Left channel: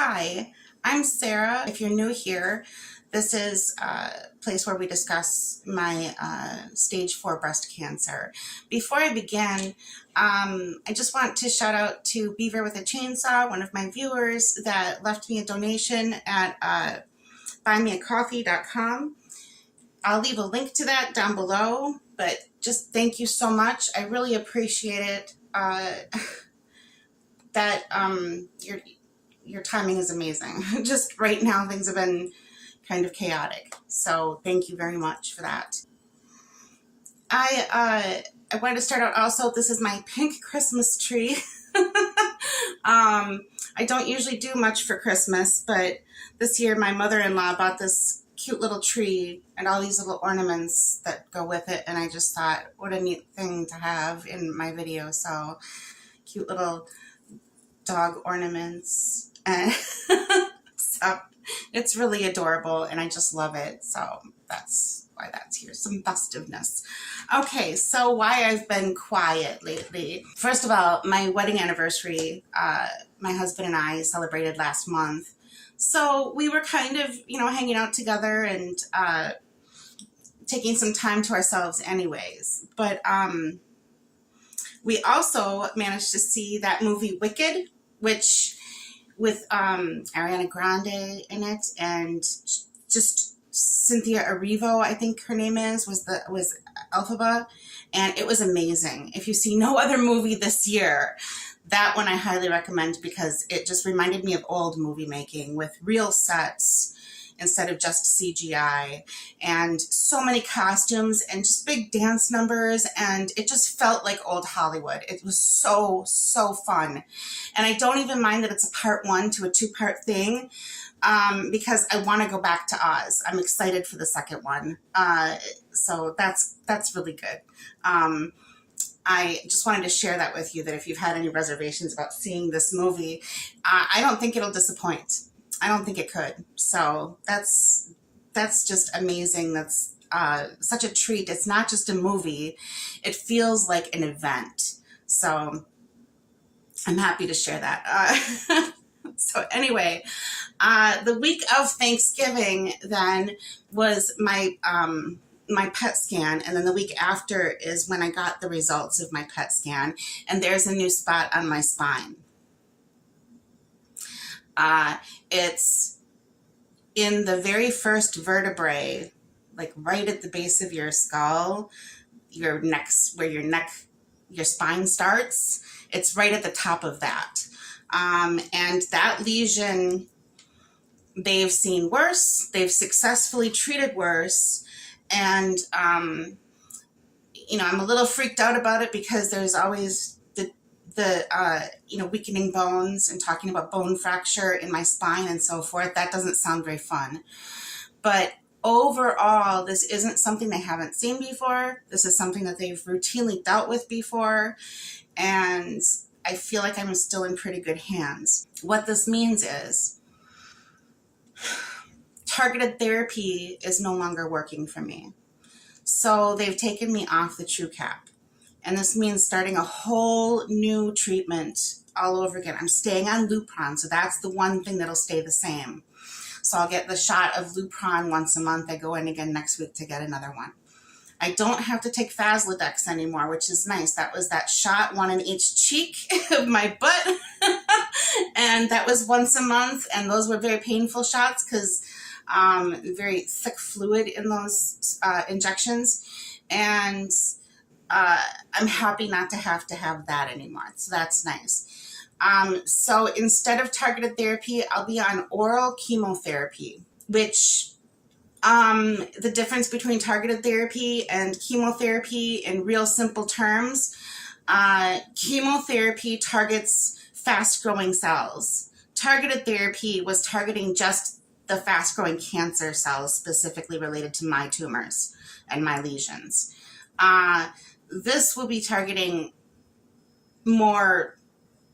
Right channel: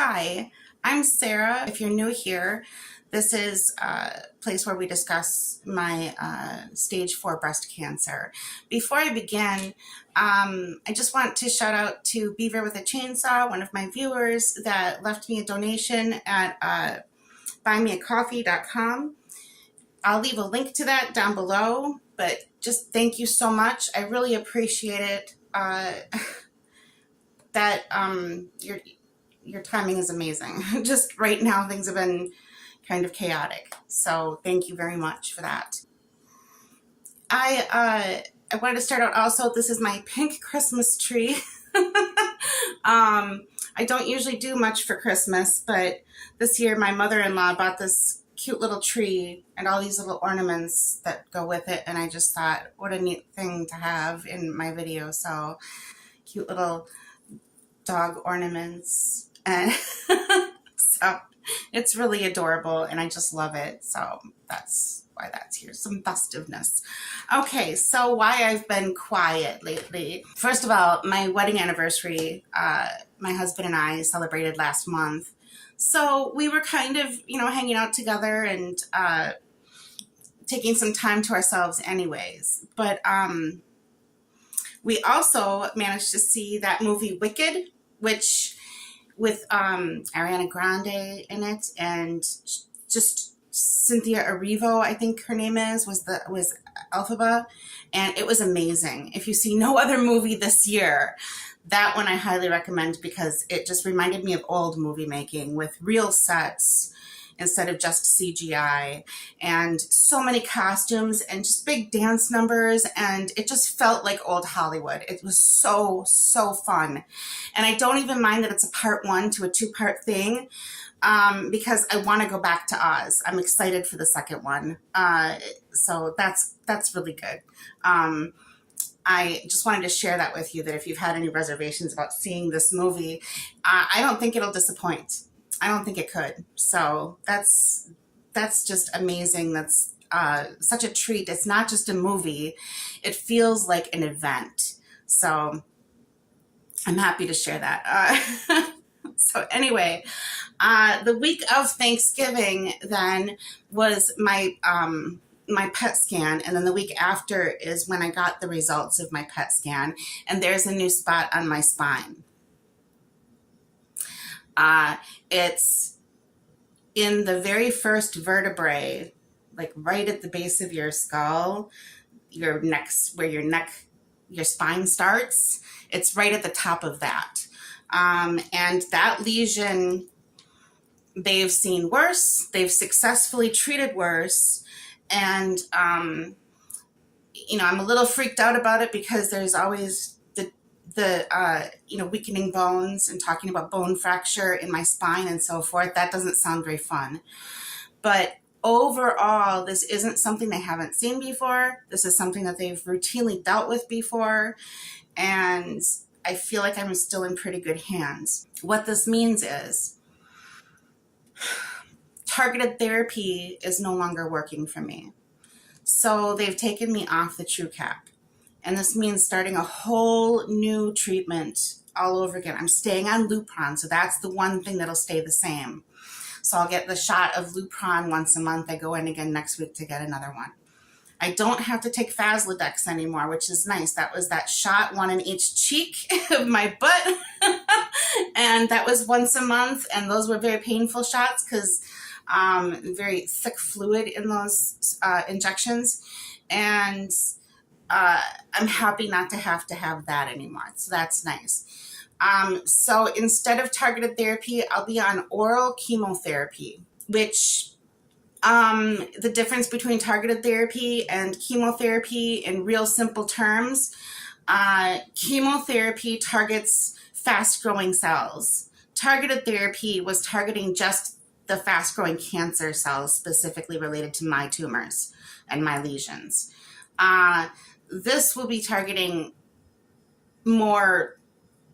Hi, I'm Sarah. If you're new here, this is a place where we discuss my stage 4 breast cancer. Before I begin, I just want to shout out to Beaver with a Chainsaw, one of my viewers that left me a donation at buymeacoffee.com. I'll leave a link to that down below, but just thank you so much. I really appreciate it. That your timing is amazing. Just right now, things have been kind of chaotic. So thank you very much for that. I wanted to start out also, this is my pink Christmas tree. I don't usually do much for Christmas, but this year my mother-in-law bought this cute little tree and all these little ornaments that go with it, and I just thought, what a neat thing to have in my video. So cute little dog ornaments, and so it's really adorable and I just love it. So that's why that's here, some festiveness. Okay, so why I've been quiet lately. First of all, my wedding anniversary, my husband and I celebrated last month. So we were kind of, hanging out together and taking some time to ourselves anyways. But we also managed to see that movie Wicked, which with Ariana Grande in it, and just Cynthia Erivo, I think her name was Elphaba, and it was amazing. If you see no other movie this year, that one I highly recommend because it just reminded me of old movie making with real sets instead of just CGI, and so many costumes and just big dance numbers, and it just felt like old Hollywood. It was so fun. And I don't even mind that it's a part 1 to a 2-part thing, because I want to go back to Oz. I'm excited for the second one. So that's really good. I just wanted to share that with you, that if you've had any reservations about seeing this movie, I don't think it'll disappoint. I don't think it could. So that's just amazing. That's such a treat. It's not just a movie. It feels like an event. So I'm happy to share that. So anyway, the week of Thanksgiving then was my PET scan, and then the week after is when I got the results of my PET scan, and there's a new spot on my spine. It's in the very first vertebrae, like right at the base of your skull, your neck, where your spine starts. It's right at the top of that. And that lesion, they've seen worse. They've successfully treated worse. And, I'm a little freaked out about it because there's always the weakening bones and talking about bone fracture in my spine and so forth. That doesn't sound very fun. But overall, this isn't something they haven't seen before. This is something that they've routinely dealt with before. And I feel like I'm still in pretty good hands. What this means is targeted therapy is no longer working for me. So they've taken me off the TrueCap. And this means starting a whole new treatment all over again. I'm staying on Lupron, so that's the one thing that'll stay the same. So I'll get the shot of Lupron once a month. I go in again next week to get another one. I don't have to take Faslodex anymore, which is nice. That was that shot, one in each cheek of my butt. And that was once a month, and those were very painful shots because very thick fluid in those injections. And I'm happy not to have that anymore. So that's nice. So instead of targeted therapy, I'll be on oral chemotherapy, which the difference between targeted therapy and chemotherapy in real simple terms, chemotherapy targets fast-growing cells. Targeted therapy was targeting just the fast-growing cancer cells specifically related to my tumors and my lesions. This will be targeting more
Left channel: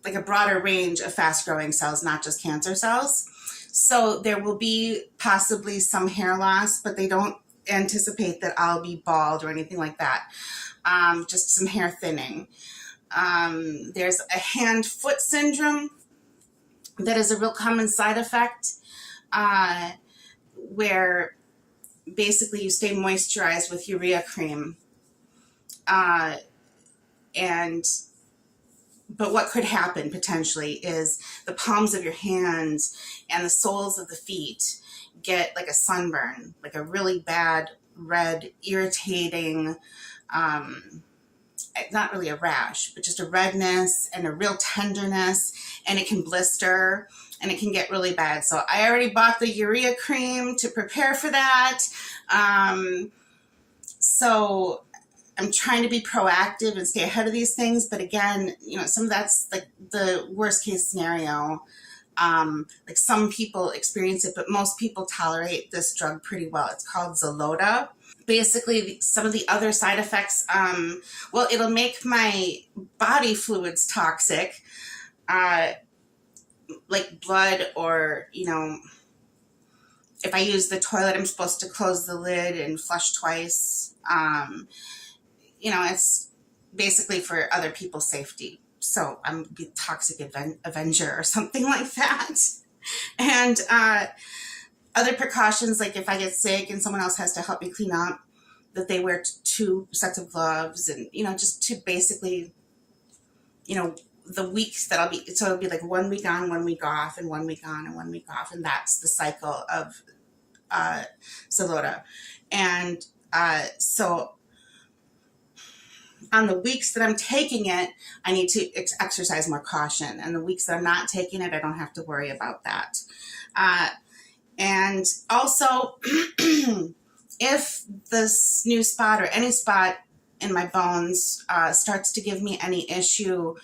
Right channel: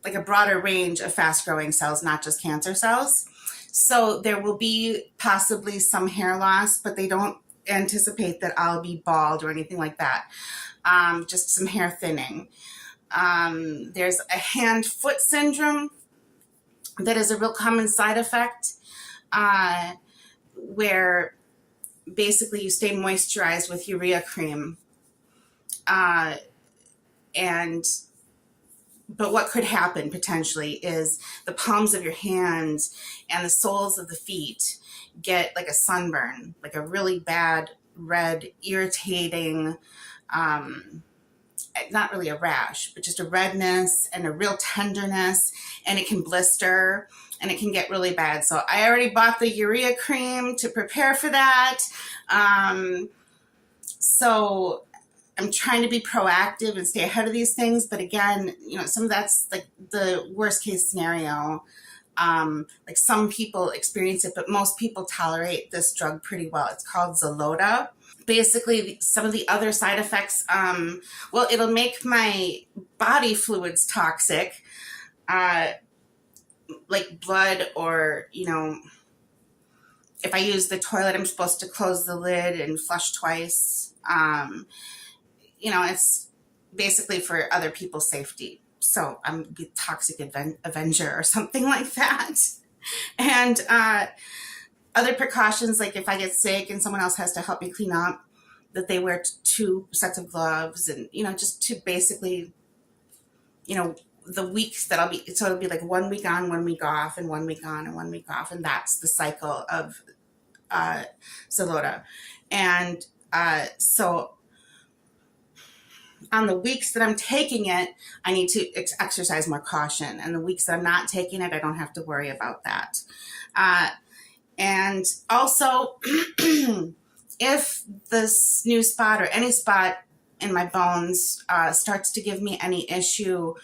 like a broader range of fast-growing cells, not just cancer cells. So there will be possibly some hair loss, but they don't anticipate that I'll be bald or anything like that. Just some hair thinning. There's a hand-foot syndrome that is a real common side effect, uh, where basically you stay moisturized with urea cream. Uh, and but what could happen potentially is the palms of your hands and the soles of the feet get like a sunburn, like a really bad, red, irritating, um, not really a rash, but just a redness and a real tenderness, and it can blister and it can get really bad. So I already bought the urea cream to prepare for that. Um, so I'm trying to be proactive and stay ahead of these things. But again, some of that's like the worst case scenario. Like some people experience it, but most people tolerate this drug pretty well. It's called Xeloda. Basically, some of the other side effects, well, it'll make my body fluids toxic, uh, like blood, or, if I use the toilet, I'm supposed to close the lid and flush twice. It's basically for other people's safety. So I'm a toxic avenger or something like that. And other precautions, like if I get sick and someone else has to help me clean up, that they wear 2 sets of gloves, and, just to basically, the weeks that so it'll be like 1 week on, 1 week off, and 1 week on and 1 week off. And that's the cycle of Xeloda. And so on the weeks that I'm taking it, I need to exercise more caution. And the weeks that I'm not taking it, I don't have to worry about that. And also, if this new spot or any spot in my bones starts to give me any issue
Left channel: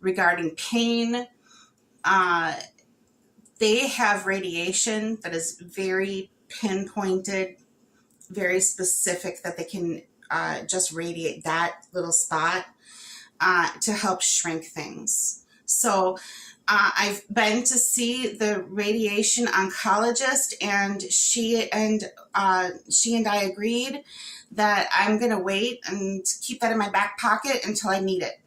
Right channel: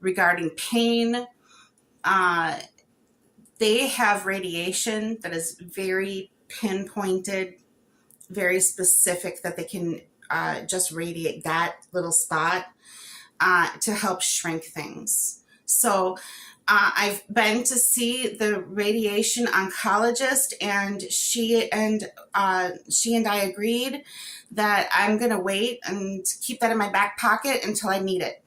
regarding pain, they have radiation that is very pinpointed, very specific, that they can just radiate that little spot to help shrink things. So I've been to see the radiation oncologist, and she and I agreed that I'm going to wait and keep that in my back pocket until I need it.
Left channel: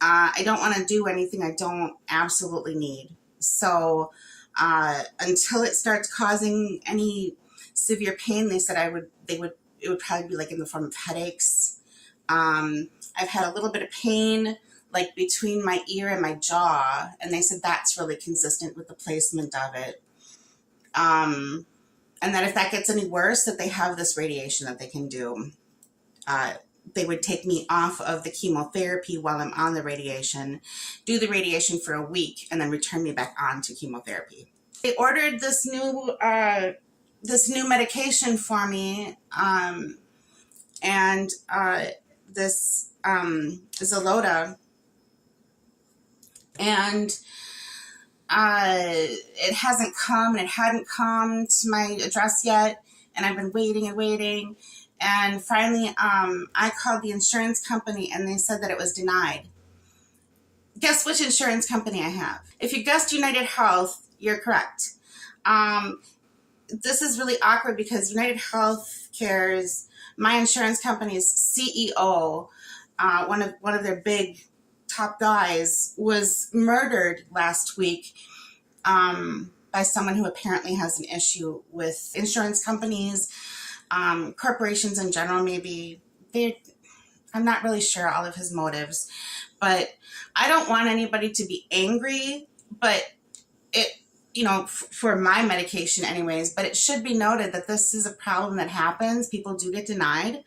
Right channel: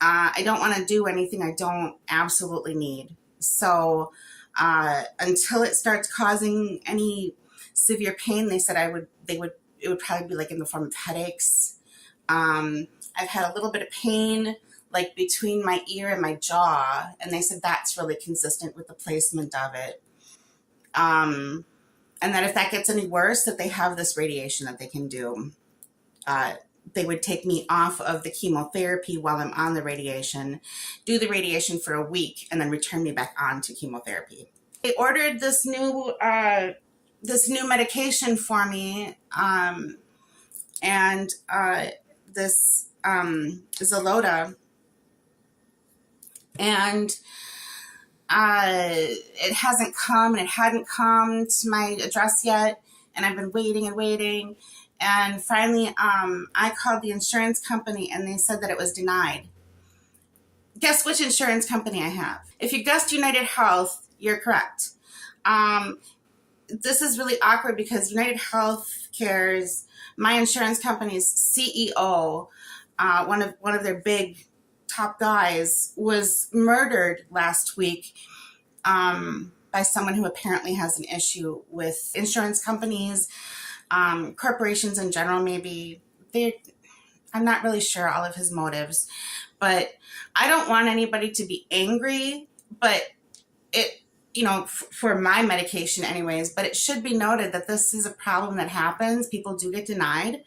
I don't want to do anything I don't absolutely need. So until it starts causing any severe pain, they said it would probably be like in the form of headaches. I've had a little bit of pain like between my ear and my jaw, and they said that's really consistent with the placement of it. And that if that gets any worse, that they have this radiation that they can do. They would take me off of the chemotherapy while I'm on the radiation, do the radiation for a week, and then return me back on to chemotherapy. They ordered this new medication for me, and this Xeloda, and it hasn't come, and it hadn't come to my address yet, and I've been waiting and waiting, and finally I called the insurance company, and they said that it was denied. Guess which insurance company I have? If you guessed United Health, you're correct. This is really awkward because United Healthcare's, my insurance company's CEO, one of their big top guys, was murdered last week by someone who apparently has an issue with insurance companies, corporations in general. Maybe I'm not really sure all of his motives, but I don't want anybody to be angry, but for my medication anyways, but it should be noted that this is a problem that happens. People do get denied,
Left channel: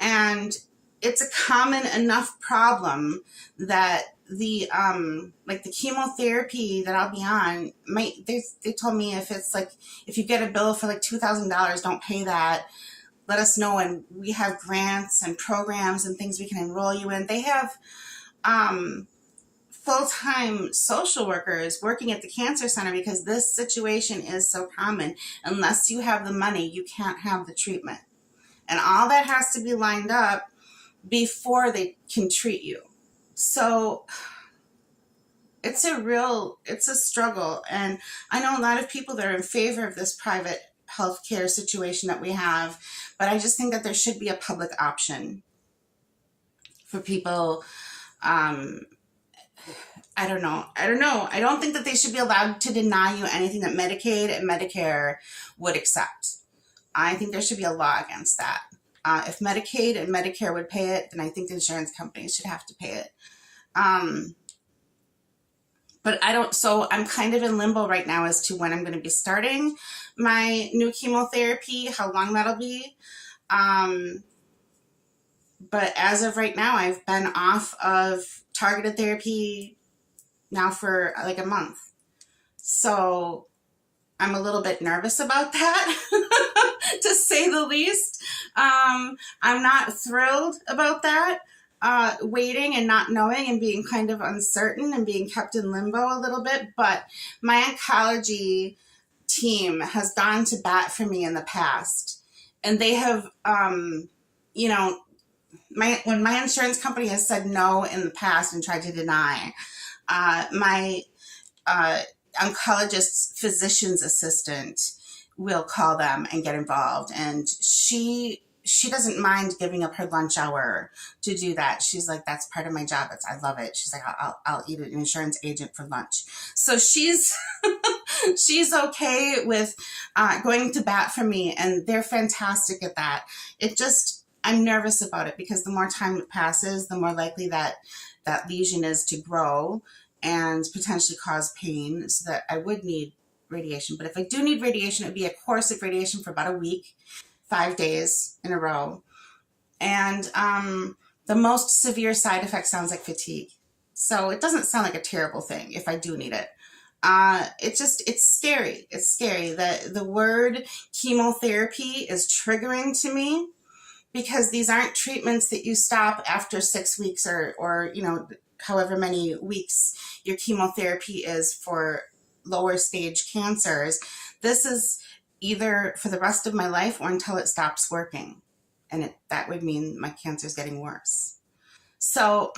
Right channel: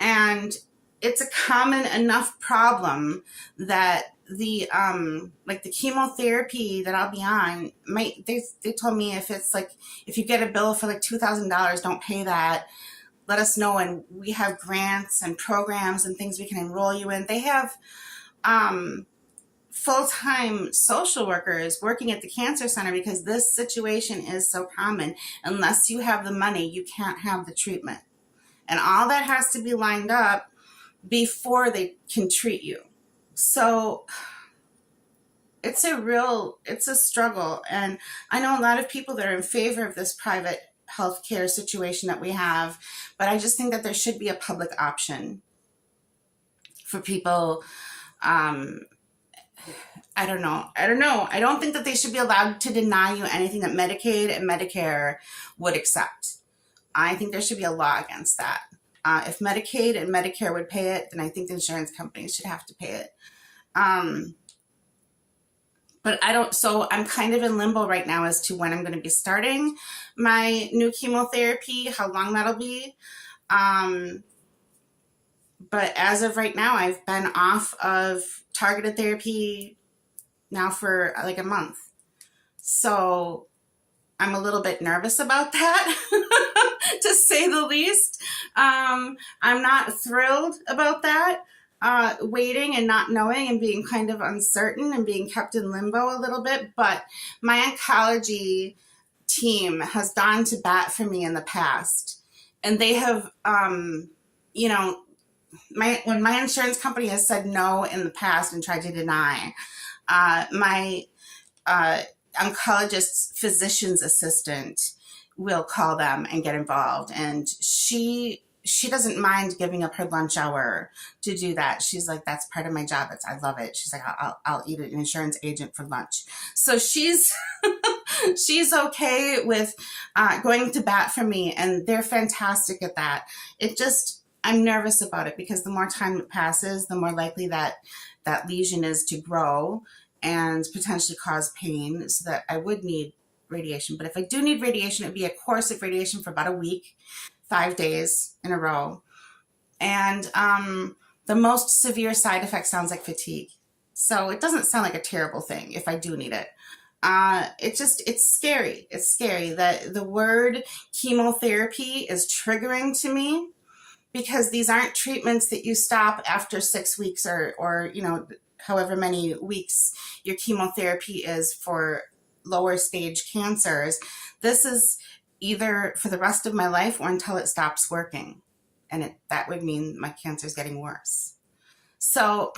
and it's a common enough problem that the chemotherapy that I'll be on they told me if you get a bill for like $2,000, don't pay that. Let us know, and we have grants and programs and things we can enroll you in. They have full-time social workers working at the cancer center because this situation is so common. Unless you have the money, you can't have the treatment. And all that has to be lined up before they can treat you. So it's a struggle. And I know a lot of people that are in favor of this private healthcare situation that we have, but I just think that there should be a public option for people I don't know. I don't know. I don't think that they should be allowed to deny you anything that Medicaid and Medicare would accept. I think there should be a law against that. If Medicaid and Medicare would pay it, then I think the insurance companies should have to pay it. Um, but I don't, so I'm kind of in limbo right now as to when I'm going to be starting my new chemotherapy, how long that'll be. Um, but as of right now, I've been off of targeted therapy now for like a month. So I'm a little bit nervous about that, to say the least. I'm not thrilled about that, waiting and not knowing and being kind of uncertain and being kept in limbo a little bit. But my oncology team has gone to bat for me in the past, and they have, you know, when my insurance company has said no in the past and tried to deny, my uh, oncologist's physician's assistant will call them and get involved, and she doesn't mind giving up her lunch hour to do that. She's like, that's part of my job. I love it. She's like, I'll eat an insurance agent for lunch. So she's she's okay with going to bat for me, and they're fantastic at that. It just, I'm nervous about it because the more time it passes, the more likely that that lesion is to grow and potentially cause pain, so that I would need radiation. But if I do need radiation, it'd be a course of radiation for about a week, 5 days in a row. And the most severe side effect sounds like fatigue. So it doesn't sound like a terrible thing if I do need it. It's scary. It's scary that the word chemotherapy is triggering to me, because these aren't treatments that you stop after 6 weeks or however many weeks your chemotherapy is for lower stage cancers. This is either for the rest of my life or until it stops working. And that would mean my cancer is getting worse. So,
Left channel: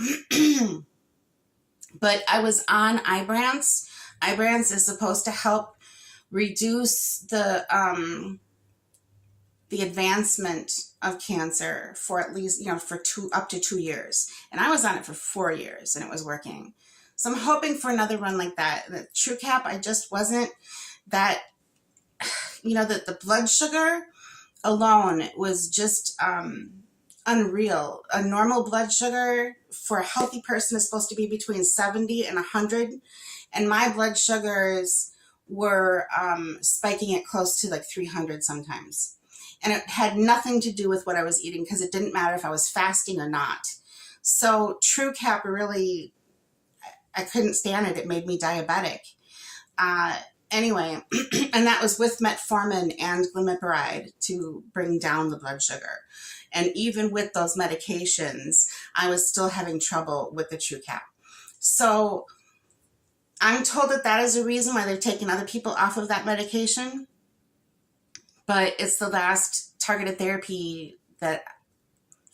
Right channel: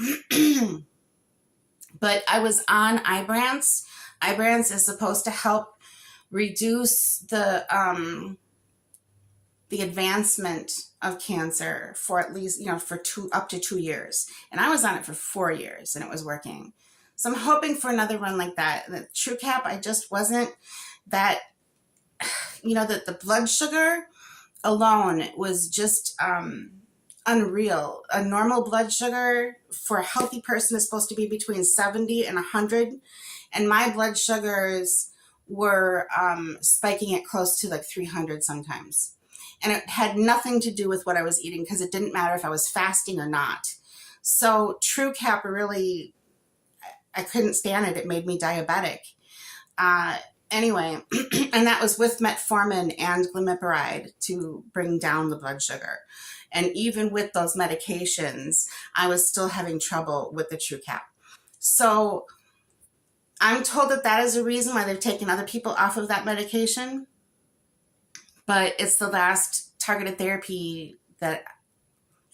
but I was on Ibrance. Ibrance is supposed to help reduce the advancement of cancer for at least, for up to 2 years. And I was on it for 4 years and it was working. So I'm hoping for another run like that. The TrueCap, I just wasn't that, the blood sugar alone was just unreal. A normal blood sugar for a healthy person is supposed to be between 70 and 100. And my blood sugars were spiking at close to like 300 sometimes. And it had nothing to do with what I was eating, because it didn't matter if I was fasting or not. So TrueCap really, I couldn't stand it. It made me diabetic. Anyway, and that was with metformin and glimepiride to bring down the blood sugar. And even with those medications, I was still having trouble with the TrueCap. So I'm told that that is a reason why they've taken other people off of that medication. But it's the last targeted therapy that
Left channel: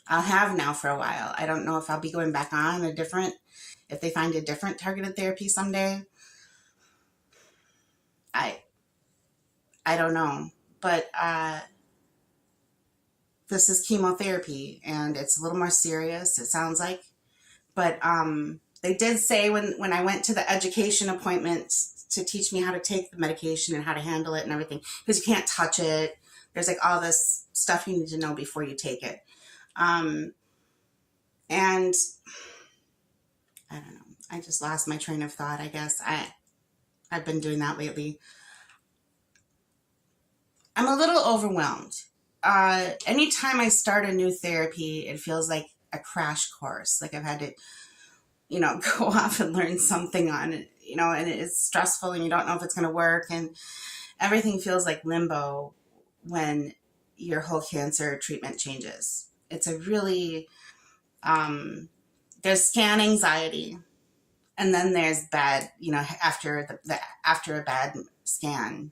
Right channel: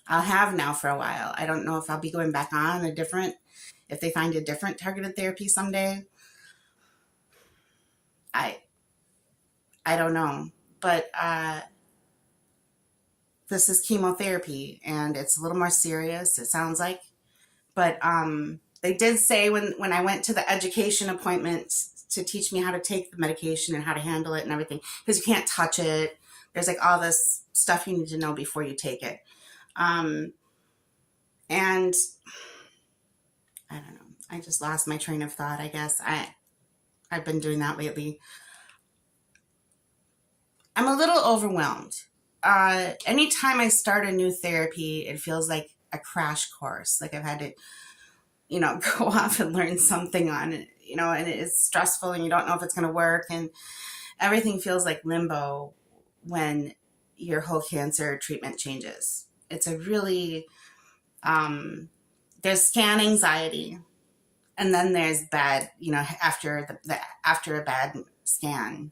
I'll have now for a while. I don't know if I'll be going back on if they find a different targeted therapy someday. I don't know. But this is chemotherapy, and it's a little more serious, it sounds like. But they did say when I went to the education appointment to teach me how to take the medication and how to handle it and everything, because you can't touch it. There's like all this stuff you need to know before you take it. And I don't know. I just lost my train of thought, I guess. I've been doing that lately. I'm a little overwhelmed. Anytime I start a new therapy, it feels like a crash course. Like I've had to, go off and learn something on it, and it's stressful and you don't know if it's going to work, and everything feels like limbo when your whole cancer treatment changes. It's a really, there's scan anxiety, and then there's bad, after after a bad scan,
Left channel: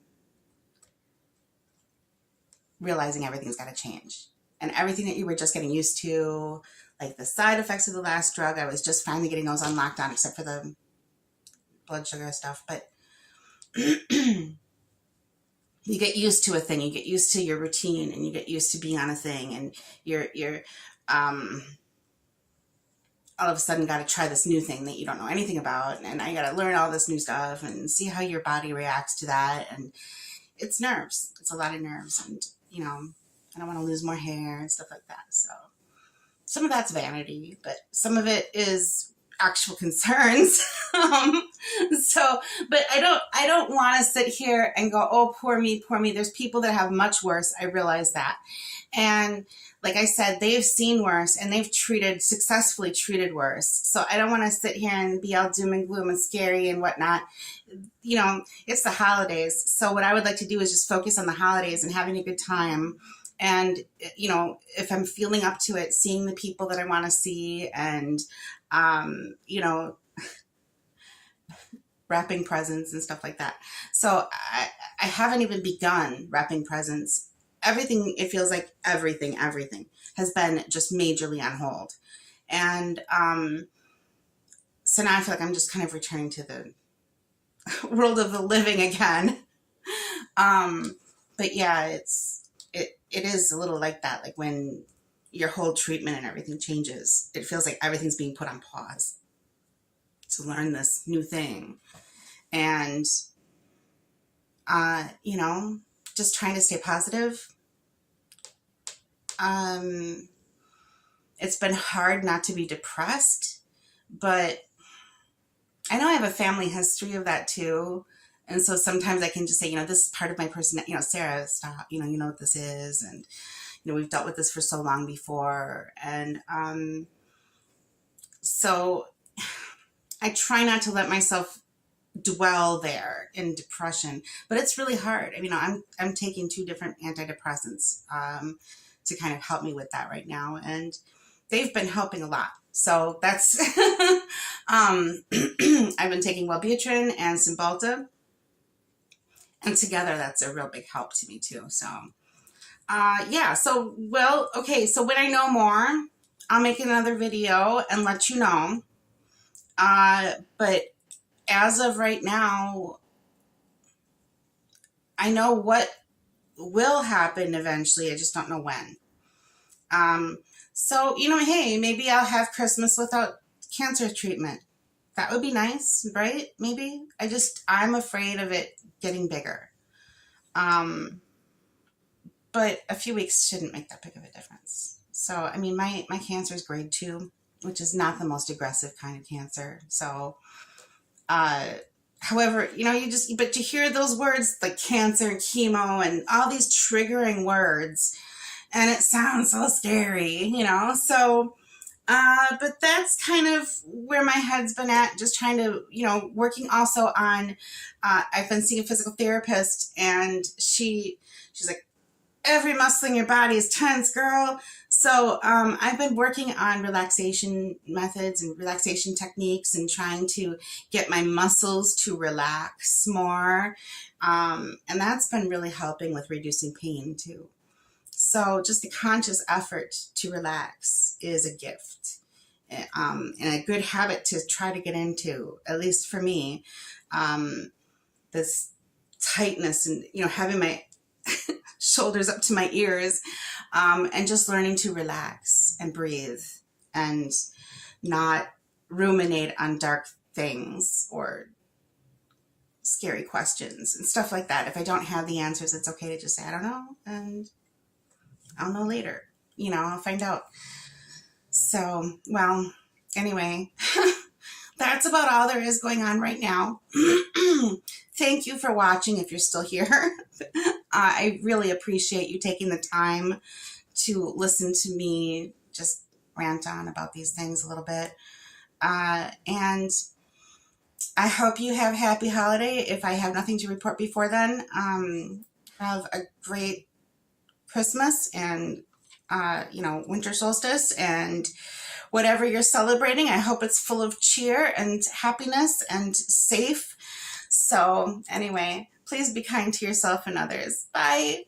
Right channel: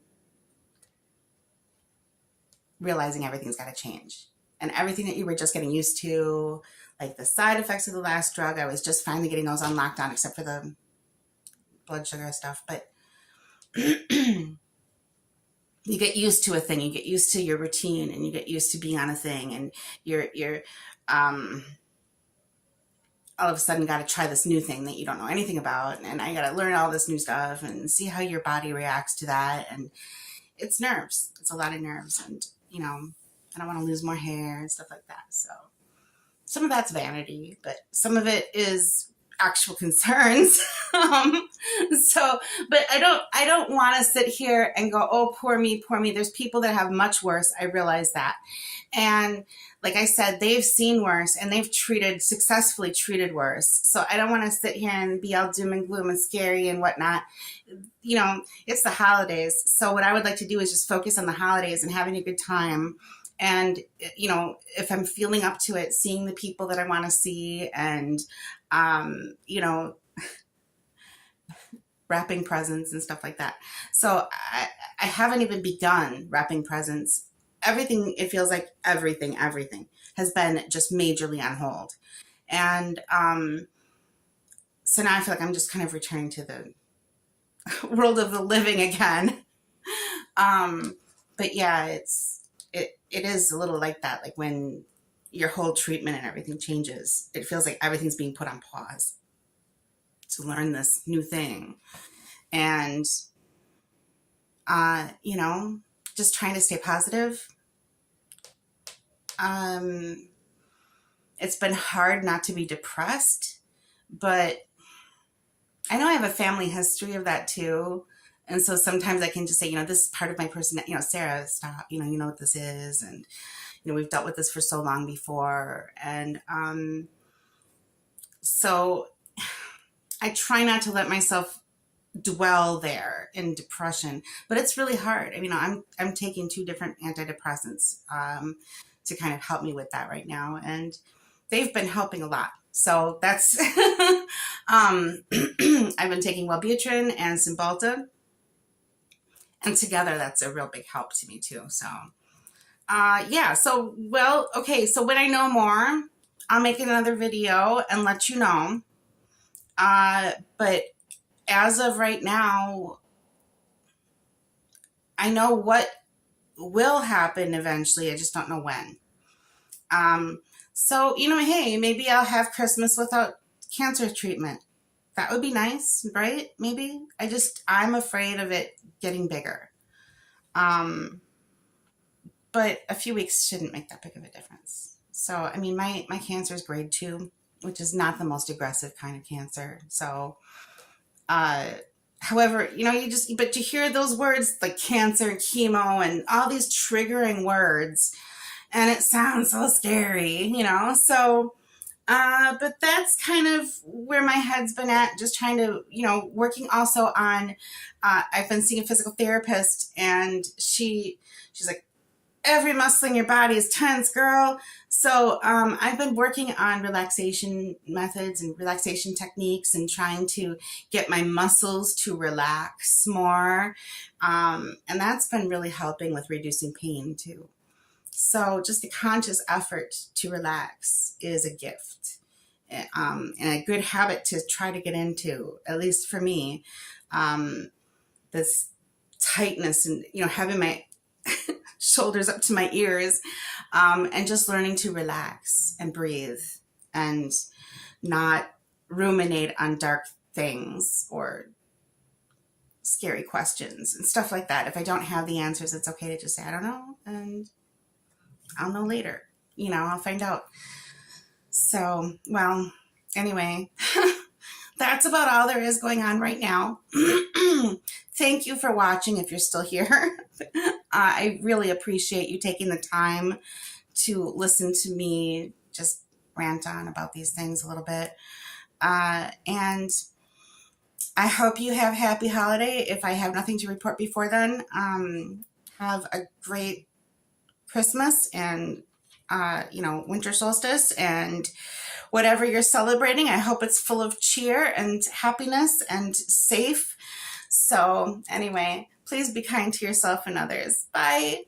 realizing everything's got to change. And everything that you were just getting used to, like the side effects of the last drug, I was just finally getting those on lockdown, except for the blood sugar stuff. But you get used to a thing, you get used to your routine, and you get used to being on a thing, and you're all of a sudden got to try this new thing that you don't know anything about, and I got to learn all this new stuff and see how your body reacts to that. And it's nerves. It's a lot of nerves, and I don't want to lose more hair and stuff like that. So some of that's vanity, but some of it is actual concerns. um, but I don't want to sit here and go, oh, poor me, poor me. There's people that have much worse. I realize that. And like I said, they've seen worse and they've successfully treated worse. So I don't want to sit here and be all doom and gloom and scary and whatnot. It's the holidays. So what I would like to do is just focus on the holidays and having a good time. And, if I'm feeling up to it, seeing the people that I want to see and, wrapping presents and stuff like that. So I haven't even begun wrapping presents. Everything, it feels like everything has been just majorly on hold. And so now I feel like I'm just kind of returning to the world of the living again. But yeah, it is a little like that. Like when your whole treatment and everything changes, it feels like everything's being put on pause to learn this new thing. And, just trying to stay positive. It's been hard not to be depressed, but I know I have a family history of that too. And so sometimes I can just say, this is part of my personality, Sarah, stop, you know what this is. And, we've dealt with this for so long before. And, so I try not to let myself dwell there in depression, but it's really hard. I'm taking 2 different antidepressants, to kind of help me with that right now. And they've been helping a lot. So that's, I've been taking Wellbutrin and Cymbalta, and together that's a real big help to me too. So, yeah. So, okay. So when I know more, I'll make another video and let you know. But as of right now, I know what will happen eventually. I just don't know when. So, hey, maybe I'll have Christmas without cancer treatment. That would be nice, right? Maybe. I'm afraid of it getting bigger. But a few weeks shouldn't make that big of a difference. So, my cancer is grade 2, which is not the most aggressive kind of cancer. So, however, but you hear those words like cancer and chemo and all these triggering words, and it sounds so scary, so, but that's kind of where my head's been at, just trying to, working also on, I've been seeing a physical therapist, and she's like, every muscle in your body is tense, girl. So I've been working on relaxation methods and relaxation techniques and trying to get my muscles to relax more. And that's been really helping with reducing pain too. So just the conscious effort to relax is a gift, and a good habit to try to get into, at least for me. This tightness and, having my shoulders up to my ears, and just learning to relax and breathe and not ruminate on dark things or scary questions and stuff like that. If I don't have the answers, it's okay to just say, I don't know, and I'll know later. I'll find out. So, anyway, that's about all there is going on right now. Thank you for watching if you're still here. I really appreciate you taking the time to listen to me just rant on about these things a little bit. And I hope you have a happy holiday. If I have nothing to report before then, have a great Christmas and, winter solstice and whatever you're celebrating. I hope it's full of cheer and happiness and safe. So anyway, please be kind to yourself and others. Bye.